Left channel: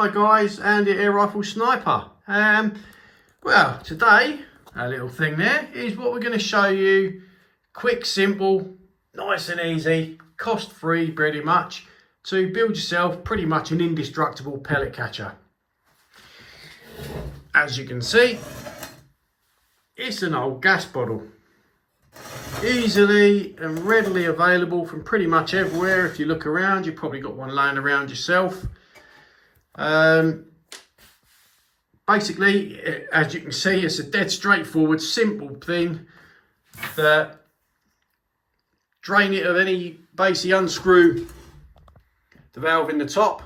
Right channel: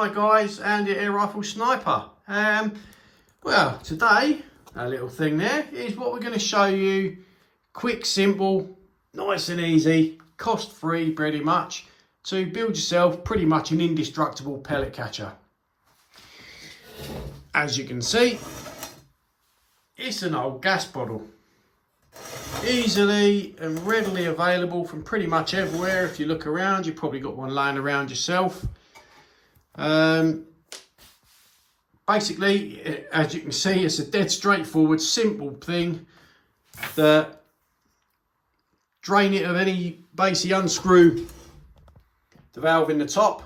Hi guys, Andy Air Rifle Sniper. Well, today, our little thing there is what we're going to show you. Quick, simple, nice and easy, cost-free pretty much, to build yourself pretty much an indestructible pellet catcher. As you can see, it's an old gas bottle. Easily and readily available from pretty much everywhere. If you look around, you've probably got one laying around yourself. Basically, as you can see, it's a dead straightforward, simple thing that drain it of any, basically unscrew the valve in the top,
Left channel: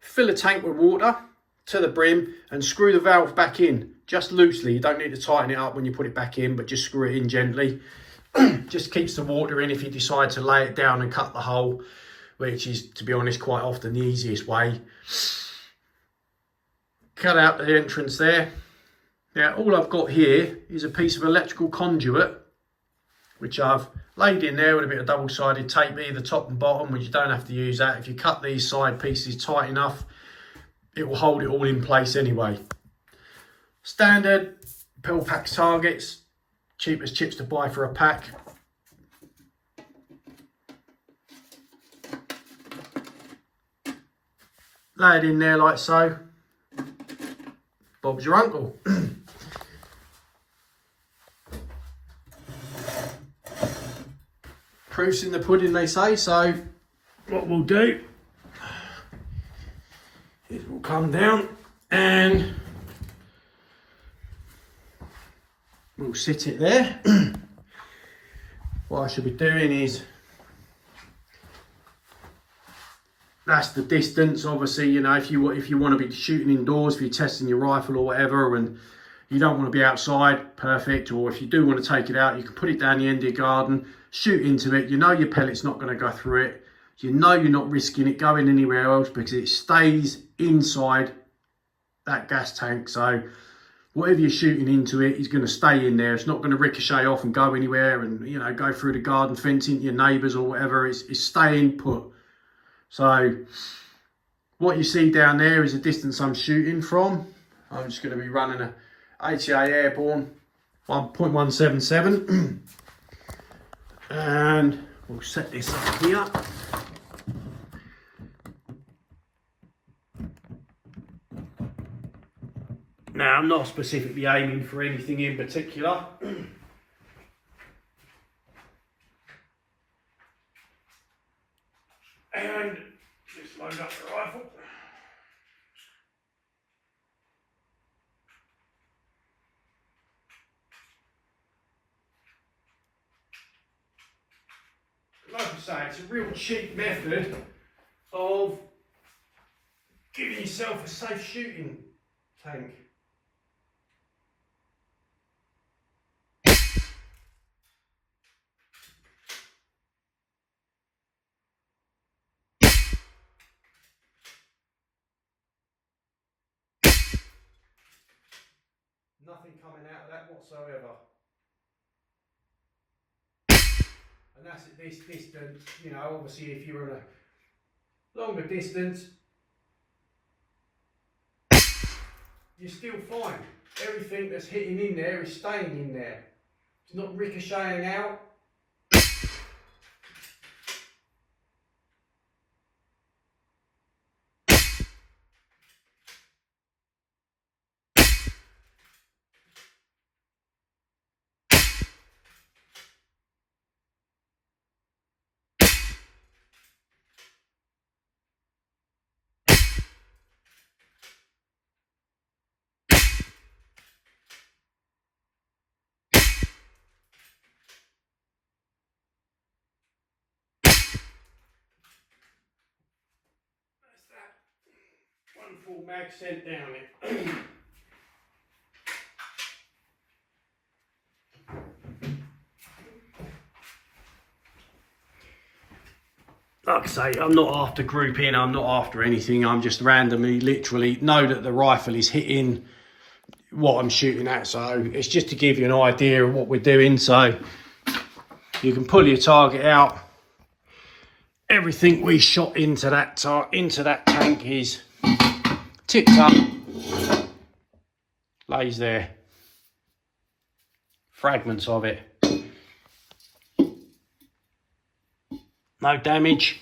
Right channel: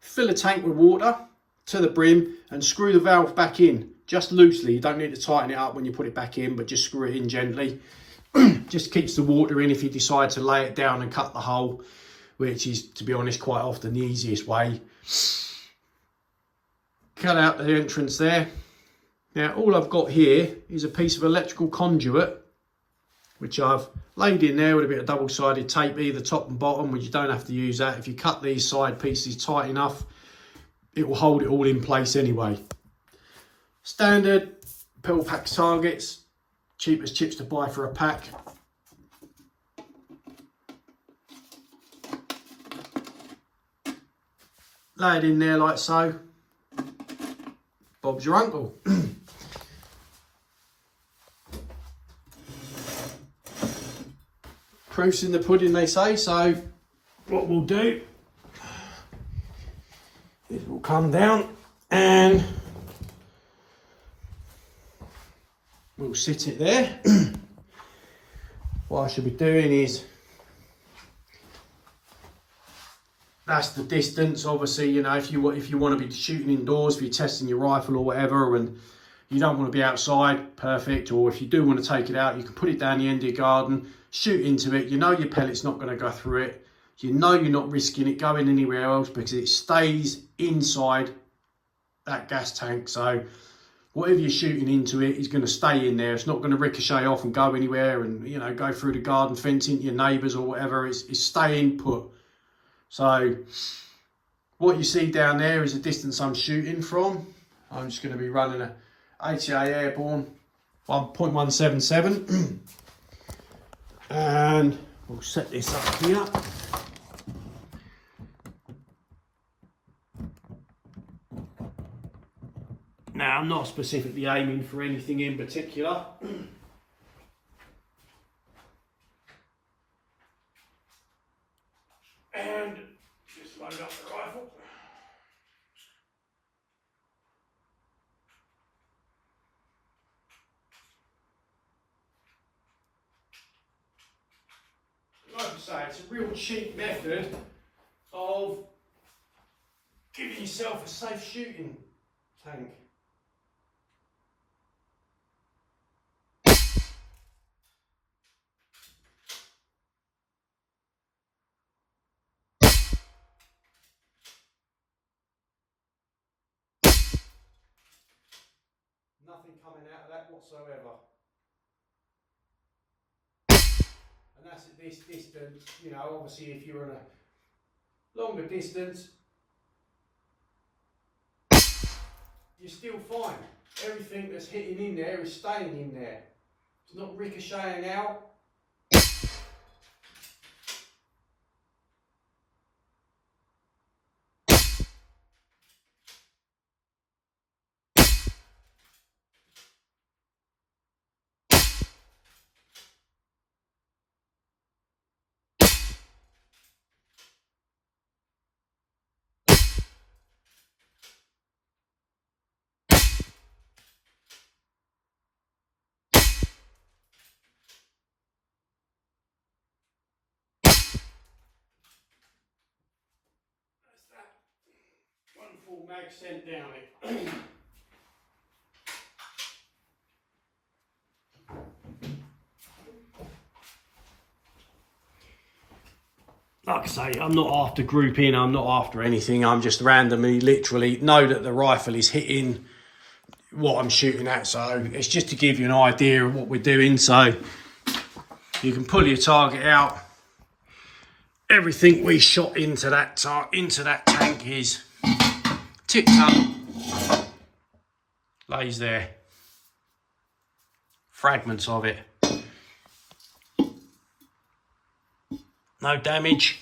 fill a tank with water to the brim and screw the valve back in, just loosely. You don't need to tighten it up when you put it back in, but just screw it in gently. Just keeps the water in if you decide to lay it down and cut the hole, which is, to be honest, quite often the easiest way. Cut out the entrance there. Now all I've got here is a piece of electrical conduit, which I've laid in there with a bit of double-sided tape, either top and bottom, which you don't have to use that. If you cut these side pieces tight enough, it will hold it all in place anyway. Standard pill pack targets, cheapest chips to buy for a pack. Lay it in there like so. Bob's your uncle. Proof's in the pudding, they say. So what we'll do is we'll come down and we'll sit it there. What I should be doing is, that's the distance. Obviously, you know, if you want to be shooting indoors, if you're testing your rifle or whatever, and you don't want to be outside, perfect. Or if you do want to take it out, you can put it down the end of your garden, shoot into it. You know your pellet's not going to go through it. You know you're not risking it going anywhere else because it stays inside that gas tank. So whatever you're shooting into it is going to stay in there. It's not going to ricochet off and go anywhere and, you know, go through the garden fence into your neighbours or whatever. It's staying put. So what you see down there is the distance I'm shooting from. I'm just going to be running a ATA Airborne 1.177 and we'll set this up here. Now I'm not specifically aiming for anything in particular. And just load up the rifle. Like I say, it's a real cheap method of giving yourself a safe shooting tank. Nothing coming out of that whatsoever. And that's at this distance. You know, obviously if you're on a longer distance, you're still fine. Everything that's hitting in there is staying in there. It's not ricocheting out. One full mag sent down it. Like I say, I'm not after grouping, I'm not after anything. I'm just randomly, literally know that the rifle is hitting what I'm shooting at. So it's just to give you an idea of what we're doing. So you can pull your target out. Everything we shot into that tank is tipped up, lays there. Fragments of it. No damage.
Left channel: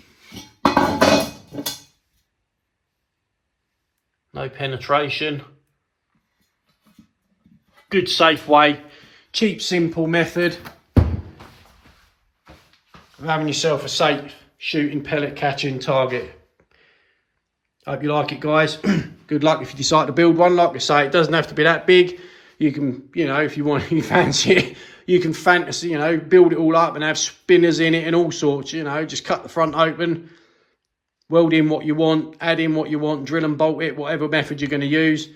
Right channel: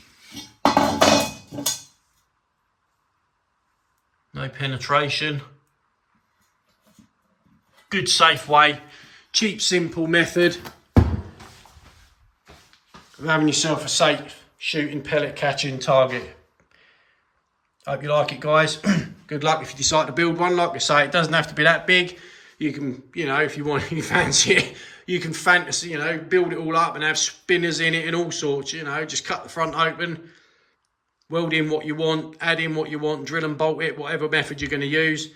No penetration. Good safe way. Cheap, simple method of having yourself a safe shooting, pellet catching target. Hope you like it, guys. Good luck if you decide to build one. Like I say, it doesn't have to be that big. You can, you know, if you want, you fancy it, you can fantasy, you know, build it all up and have spinners in it and all sorts, you know, just cut the front open, weld in what you want, add in what you want, drill and bolt it, whatever method you're going to use.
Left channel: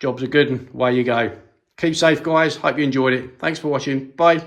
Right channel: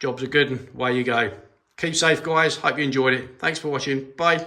Jobs are good and away you go. Keep safe, guys. Hope you enjoyed it. Thanks for watching. Bye.